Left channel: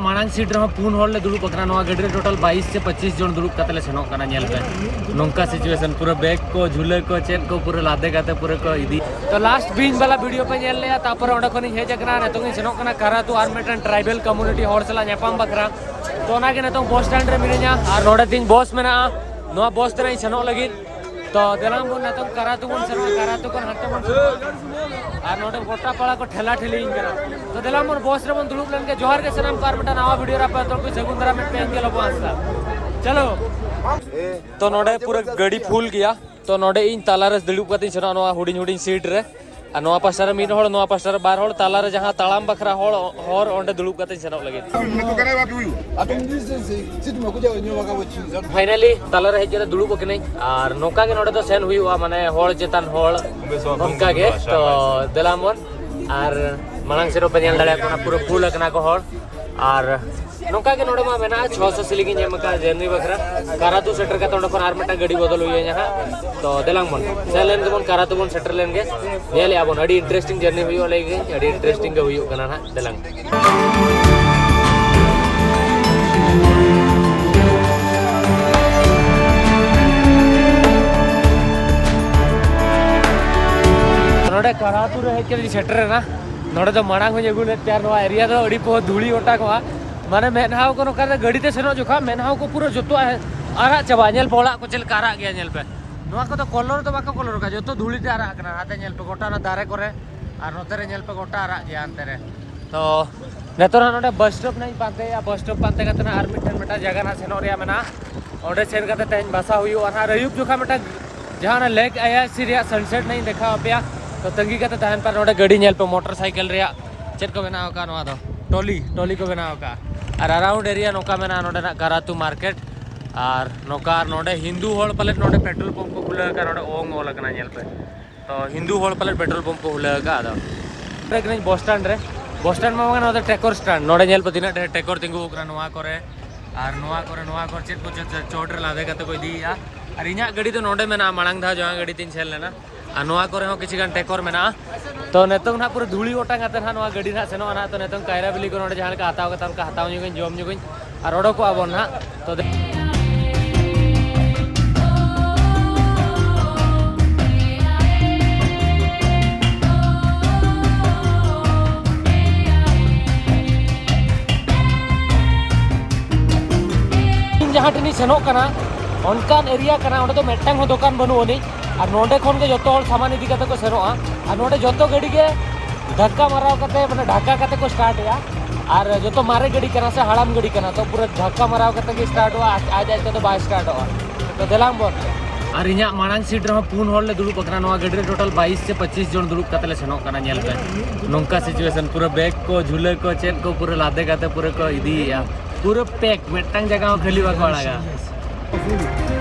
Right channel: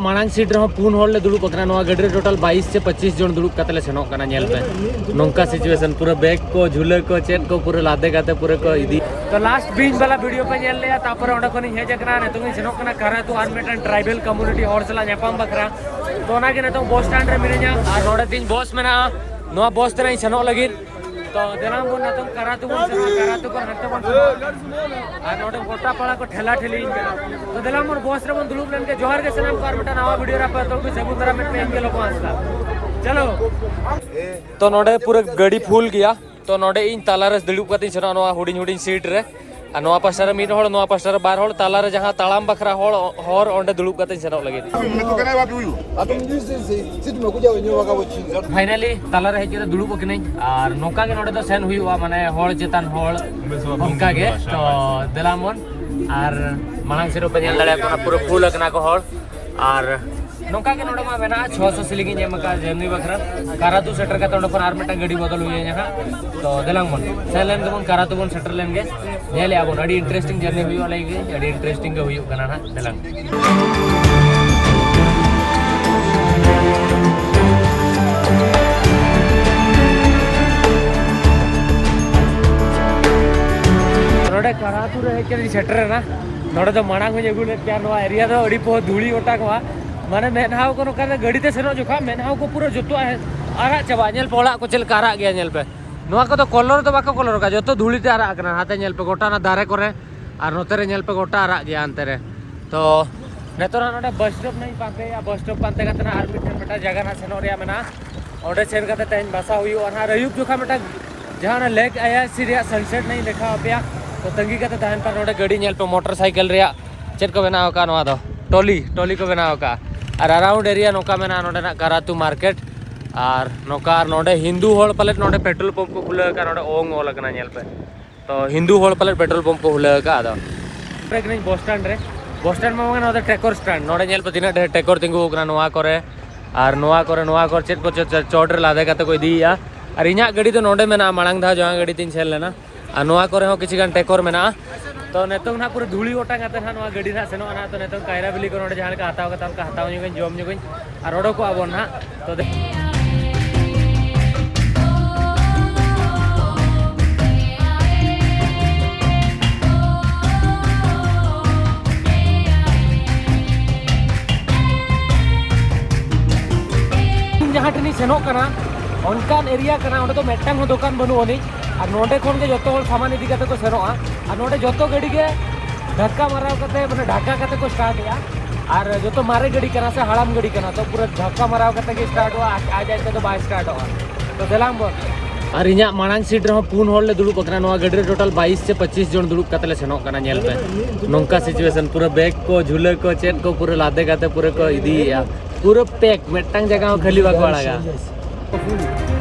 मांग सीट रहा पुन हॉल ले दुड़ुब अकना गाड़ी टोटल 22 से 25 जन दुड़ुब काते ले सेनोक कना नेल पे नोंका सिचुएशन पूरा बैग को झूले को चेन को पूरा लादे काते पूरे को इदी तो लास्ट बीच वाला वीडियो पे नेल ले तापर ओंडे खनि हेज अकना नेतो सेनोक कना कारा तो are Metan tribal community horror सला नेपाम बखरा तो ना के नेतो बस स्टैंड रे मिने냐 आर नोडे तीन बस मेना नोआ बस तरे सेनोक लगिन तो देलाम बोन नेतो कारा तो बोन सेनो कारा तो कर हते बोन सेनो आर नोडे गोटा पाड़ा को ठेला ठेली इंजना तो देलाम बोन बस रे बोन दुड़ुब लेन के जोहार के सनाम कार मेटा नवा वीडियो रा पे तो कोई सेगुंदरा में पेन के लोगो आसता चलो तो नोडे पूरा गाड़ी फुल गया तो नोडे इन तालारस दुड़ुब कती सेनो नवा हुडिन हुडिन सीट रे आ नवा पास्टर मीड होड़ नवा पास्टर बार होड़ ताला रे जहां तालाम बखरा होड़ होर ओंडे दुड़ुब कते सेनो लगे फाइनली ताला रे हेज के दुड़ुब कने आर नोका के नोडे तो सेन हुईवा माने होड़ चेतन होड़ उनका के तो देलामन आर मांग सेरो पे नेल दाड़े कोना पूरा फुल अकना को होड़ आर नोका के नोडे मा मेना 600 सिलिंग नेमका जर्नी बखरा कारातू सेटर का तोंडे पर आर मेटा गाड़ी बदल हुई यहां तो देलामन सेलेन दबन कारातू बन सेटर लेंगे नेले आबोन अड़ी इंटरेस्टिंग जर्नी हुई वाला गे अड़ी इंटरेस्टिंग के हुई कना ना देलांग नोडे कारातू रे के सेटर ना नोडे तो मांग हो जगुले त्यार नवा एरिया तो अड़ी पो धूली ओटा को माने मेनहाव को नोका गाड़ी ते सेनो जोखा मेनहाव को पूरा जोतो आरा चबा नेल पोड़ा को चल कारा गया नेल पे नोआ को तो कलर तो बाको कलर का जो धूली ते आरा कना हाते नेल पे गोटा ना दारे करे और नोते रे नेल पे गोटा आरा गया अंते रे तो नेतोरा नोडे बस स्टॉप नहीं पाते या बस स्टॉप पाते कतना आर मिठन मेटा जगह ना सेनो रे मेना ओडे सेन कते तेन भाषा हुई और हा रयुब जोखा मेटा जहां लेक आया सीरिया सनसेट नहीं देखा अपया तो तंगी कते तहन पर नोडे गाड़ी नेल पे मोटरसाइकिल रे चेत को बनाव का नोआ दो टोली को बनाव का और अराउंड एरिया नोका मेना नोडे ना कारातू मार्केट और नोका नोडे हिंदू होड़ पलेट नोडे पेट्रोल पंप को खुले का नोडे ओंग ओला कना नेल पे तो हिंदू होड़ पलेट पेट्रोल पंप को खुले का आदो ब्रेक नहीं बस स्टैंड में मगा नोडे टेकोर स्टैंड नोडे नेल पे तिना टेकोर तिंगु कना नोआ करे चेत को चोट रे लादे काते को इदिया और इना गाड़ी तो नोडे मेना मांग धा जहां गाड़ी तीन छेल लेना और नोआ करे हो किछि गान टेकोर मेना तो नेतों ना पूरा धूली ओटांग आते ना गाड़ी ना सेनो ना तो नेतों कायरा बिली को नोडे जहां का हताव का उनका हताव न्यूगन जोम न्यूगन और ओडो को आबोन ना तो जहां टनी सेनो कना उनकान एरिया कना ओडे तो मेटटांग हो दुकान बनुओनी और नोडे खन के जतो होल सामान इदी कते को सेनोआ और नोडे जतो गाड़ी के धक्का माराव कते माने ढाका कते को स्टार्ट या और जतो मारे गाड़ी कना से हड़ाम गाड़ी कना तो पूरा धक्का माराव कते के स्टार्ट हुआ आ जाए तो बाय स्टार्ट हुआ तो देलाम बोल और इना मांग सीट रहा पुन हॉल ले दुड़ुब अकना नवा गाड़ी टोटल 22 से 25 जन दुड़ुब काते ले सेनोक कना नेल पे नोंका सिचुएशन पूरा बैग को झूले को चेन को पूरा लादे काते पूरे को इदी या पूरा पैक मेटटांग जगह खाली बाको आड़ागा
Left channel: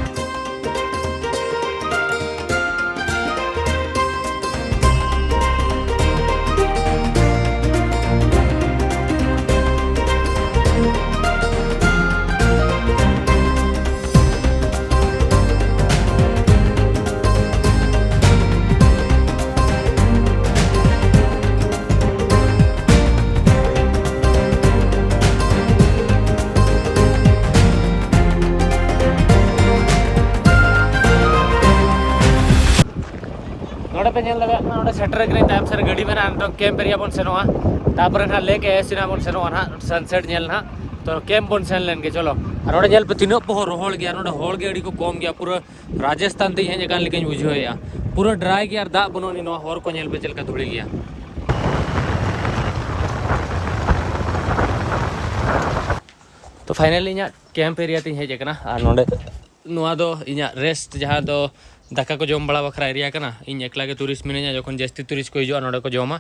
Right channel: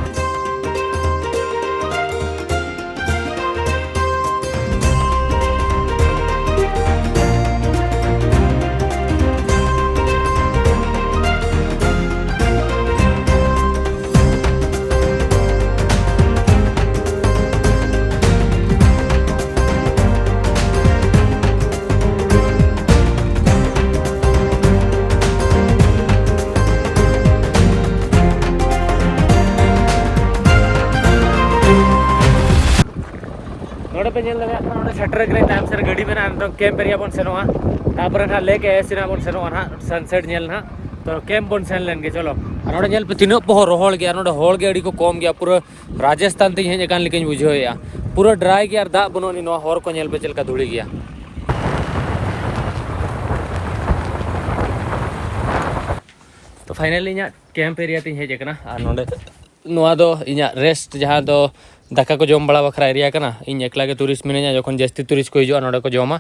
पे नेल लगा ना सेटर के टाइम सर गाड़ी में ना कैंप एरिया बन सेनोआ तापर ना लेके एसिना बन सेनोआ ना सनसेट नेल ना तो कैंप बन सेन लेन के चलो और नेल पे तीनो पहो रोहल गया नोडे होल के अड़ी को कम गया पूरा राजस्थान ते हे जकान लेकिन बुझो या पूरा ड्राई गया दा बनोनी नो होर को नेल पे चलका धुड़ी गया तो फाइनली इना कैंप एरिया ते हे जकना और नोडे नोआ दो इना रेस्ट जहां दो दाका को जम बड़ा बखरा एरिया कना इन एकला के टूरिस्ट मिनेजा जखन जस्ती टूरिस्ट को हिजुआ नोडे को जमा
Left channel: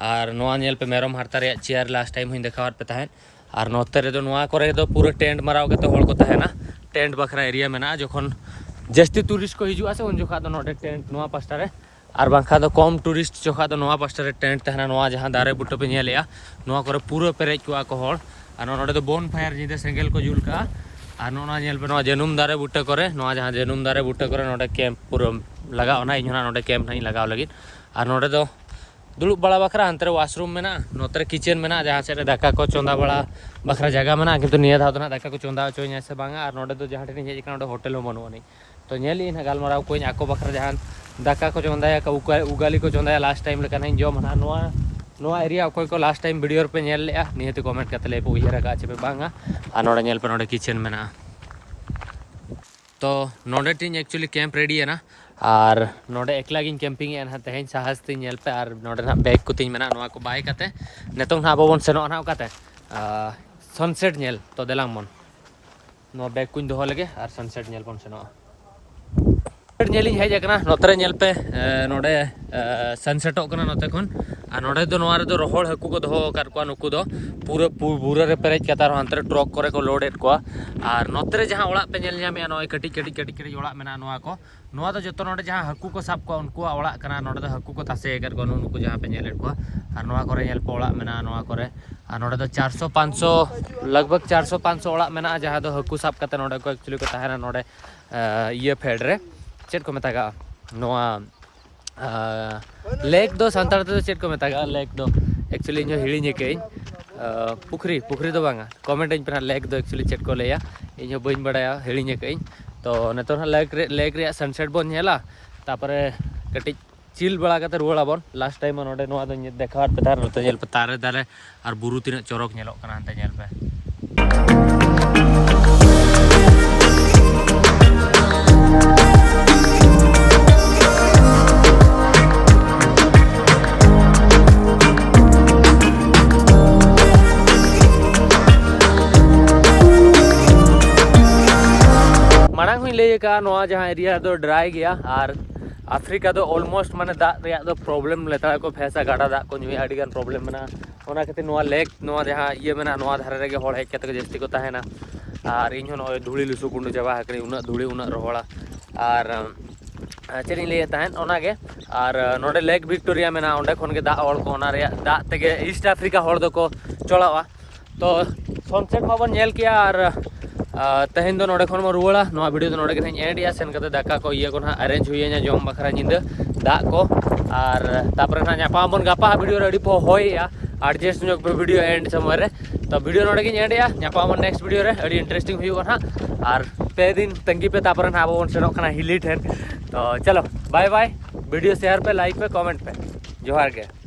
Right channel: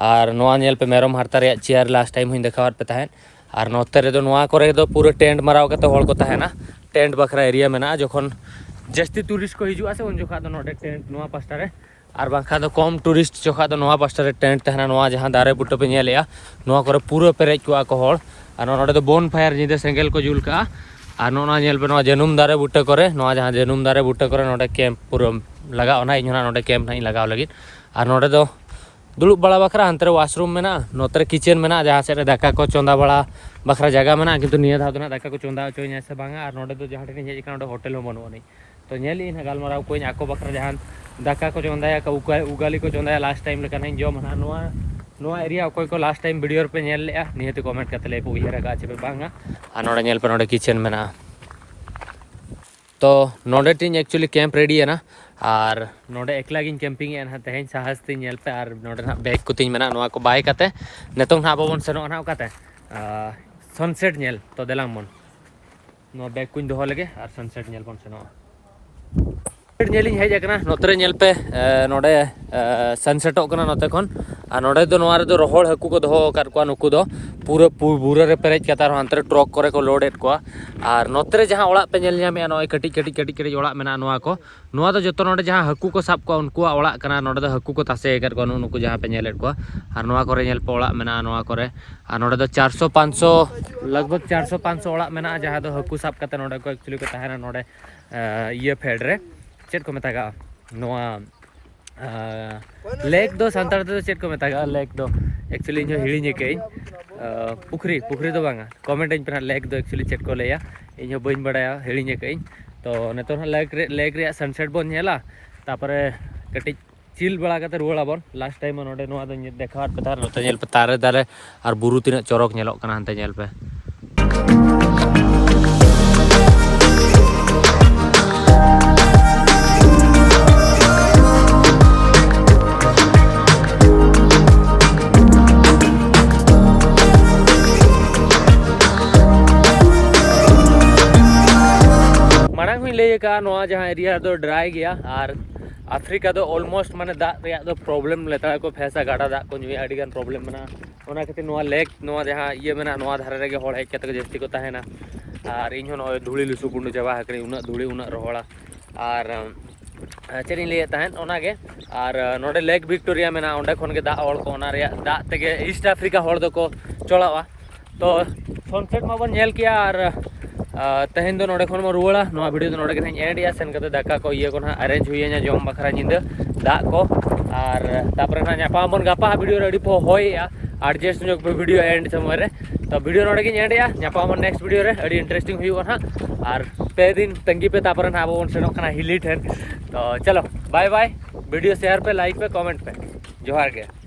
और नोआ नेल पे मेरम हारता रे चेयर लास्ट टाइम हुइन देखावत पे तहन और नोते रे दो नोआ करे दो पूरा टेंट मराव के तो होल को तहना टेंट बखरा एरिया मेना जखन जस्ती टूरिस्ट को हिजुआ से उन जोखा दो नोडे टेंट नोआ पास्टा रे और बांखा दो कम टूरिस्ट जोखा दो नोआ पास्टा रे टेंट तहना नोआ जहां दारे बुट्टो पे नेलेया नोआ करे पूरा पेरेज को को होल और नोडे दो बोन फायर जिदे सेंगेल को जुल का और नोना नेल पे नोआ जनुम दारे बुट्टे करे नोआ जहां जनुम दारे बुट्टे करे नोडे कैंप पूरा लगा ओना इन नोडे कैंप नहीं लगाव लगी और नोडे दो दुड़ुब बड़ा बखरा हंते वाशरूम में ना नोतरे किचन में ना जहाँ से दाका को चोंदा बड़ा बखरा जगह में ना किंतु निया धाव ना दाका को चोंदा चोई से बांगा और नोडे तो जहाँ ठेन हेज काना होटल हो बनवा नहीं तो नेली ना गालमाराव कोई आको बखरा जहाँ दाका को चोंदा उगाली को चोंदा लास्ट टाइम लेका नहीं जम ना नोआ एरिया अकोय को लास्ट टाइम वीडियो पे नेल ले निहते कमेंट करते ले उयहर का चे पे बांगा और नोडे नेल पे नोडे किचन में ना तो नोडे टीन एक्चुअली कैंप रेडी है ना और नोडे एकला गिन कैंपिंग है ना तेहेन साहस तीन नेल पे और नोडे ना बैग को तीन में ना नोआ को बाय करते नेतों ना बाबन सेनो ना करते सनसेट नेल तो देलांग मन नोआ बैग को दोहो लगे और सनसेट नेल बन सेनो नेलिंग हेज अकना नोतरे नेल पे नोडे सनसेटों कना नोते खन और नोडे दो नोआ रे दो रोहड़ हाकू को दोहो कर को नुकु दो पूरा बुरा रे पेरेज कता अंतरे ट्रक करे को लोड एट को और नोतरे जहां ओड़ा पे नेल ᱧᱟᱢᱮ नोय कटी कटी कटी कटी ओड़ा मेना नोआ को नोआ दो जतो नोडे जहां हाकू को साब को उनको ओड़ा कना नोडे दो हाकू को तासे कर को नुकु जहां पे नेल एट को और नोआ करे नेल पे ओड़ा मेना नोआ करे और नोडे दो 400 500 लगभग 400 500 ओड़ा मेना जहां दो हाकू साब कते नोडे को एक्चुअली को ताहेना नोडे ये फेड रे चेट को मेतागा नोआ लेक दो सांतार तो चेट को मेतागा लेक दो एक्चुअली इन हिड़ी के पुखरी पुखरी दो बांगा कमेंट इन पे लेक दो एक्चुअली चेट को लेया इन बइन बड़ाया हिड़ी के तो नेतो लेक रे सनसेट बन नेला तापरे कटी चिल बड़ा कते रुवाड़ा बन लास्ट टाइम नोडे नोआ दो देखा पे तार नोते नेल पे तारे दारे और बुरु तिना चरक नेलोक कना हनते नेल पे माना हुई ले का नोआ जहाँ एरिया दो ड्राई गया और अफ्रीका दो ऑलमोस्ट माने दाग रे दो प्रॉब्लम लेता को फैसा गाड़ा दाग को नुई आड़ी गान प्रॉब्लम मेना ओना खातिर नोआ लेक नोआ जहाँ ये मेना नोआ धारे रे होड़ हेज कते जस्ती को ताहेना और इन नोय धूली लुसु गुंडू चाबा हकनी उना धूली उना रोहड़ा और चेनी ले ताहेन ओना के और नोडे लेक विक्टोरिया मेना ओंडे खन के दाग ओड़ को ओना रे दाग तेगे ईस्ट अफ्रीका होड़ दो को चलावा तो सनसेट माबन नेल किया और तेहेन दो नोडे खन म रुवाड़ा नोआ वीडियो दो नोडे के एंडिया सेन कते दाका को ये को ना अरेंज हुई जम बखरा निंदा दाग को और तापर ना ᱧᱟᱯᱟᱢ बन गापा वीडियो रेडी पो होया एडजस्ट जो वीडियो एंड समय रे तो वीडियो नोडे के एंडिया ᱧᱟᱯᱟᱢ नेक्स्ट वीडियो रे अड़ी इंटरेस्टिंग हुई ना और पे दिन तंगी पे तापर ना बन सेनो कना हिली ठेन तो चलो बाय बाय वीडियो शेयर पे लाइक पे कमेंट पे जोहार के।